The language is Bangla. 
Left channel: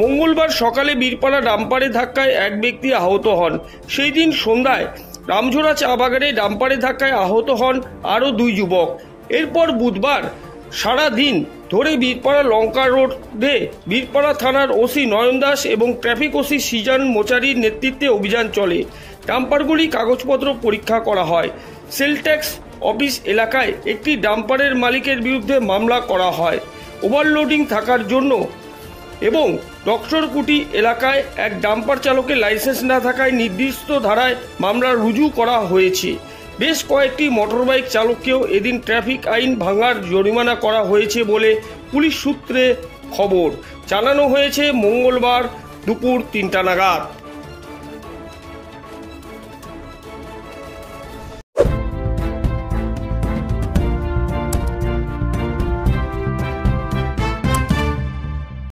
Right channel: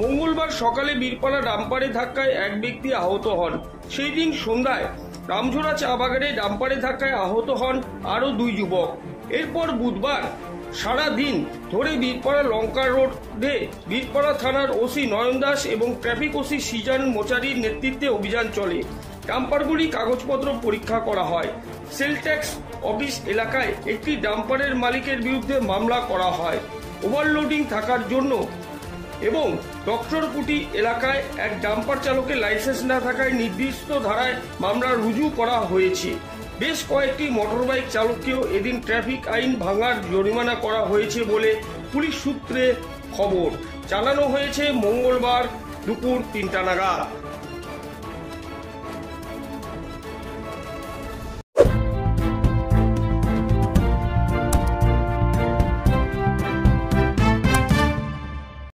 মঙ্গলবার সকালে বীরপাড়া ডাম্পারে ধাক্কায় এক ব্যক্তি আহত হন। সেই দিন সন্ধ্যায় রামঝোড়া চা বাগানে ডাম্পারে ধাক্কায় আহত হন আরও 2 যুবক। এরপর বুধবার সারা দিন ধরে বীরপাড়া লঙ্কা রোডে বীরপাড়া থানার ওসি নয়ন দাস এবং ট্রাফিক ওসি সৃজন মোচারির নেতৃত্বে অভিযান চলে। ডাম্পারগুলি কাগজপত্র পরীক্ষা করা হয়। সেল ট্যাক্স অফিস এলাকায় একটি ডাম্পারের মালিকের বিরুদ্ধে মামলা করা হয় ওভারলোডিং থাকার জন্য এবং ডক্টরকুটি এলাকায় এক ডাম্পার চালকের লাইসেন্স না থাকায় নির্দিষ্ট ধারায় মামলা রুজু করা হয়েছে। বেশ কয়েকটি মোটরবাইক চালককেও এদিন ট্রাফিক আইন ভাঙার জরিমানা করা হয়েছে বলে পুলিশ সূত্রে খবর। জানানো হয়েছে মঙ্গলবার দুপুর 3টা নাগাদ।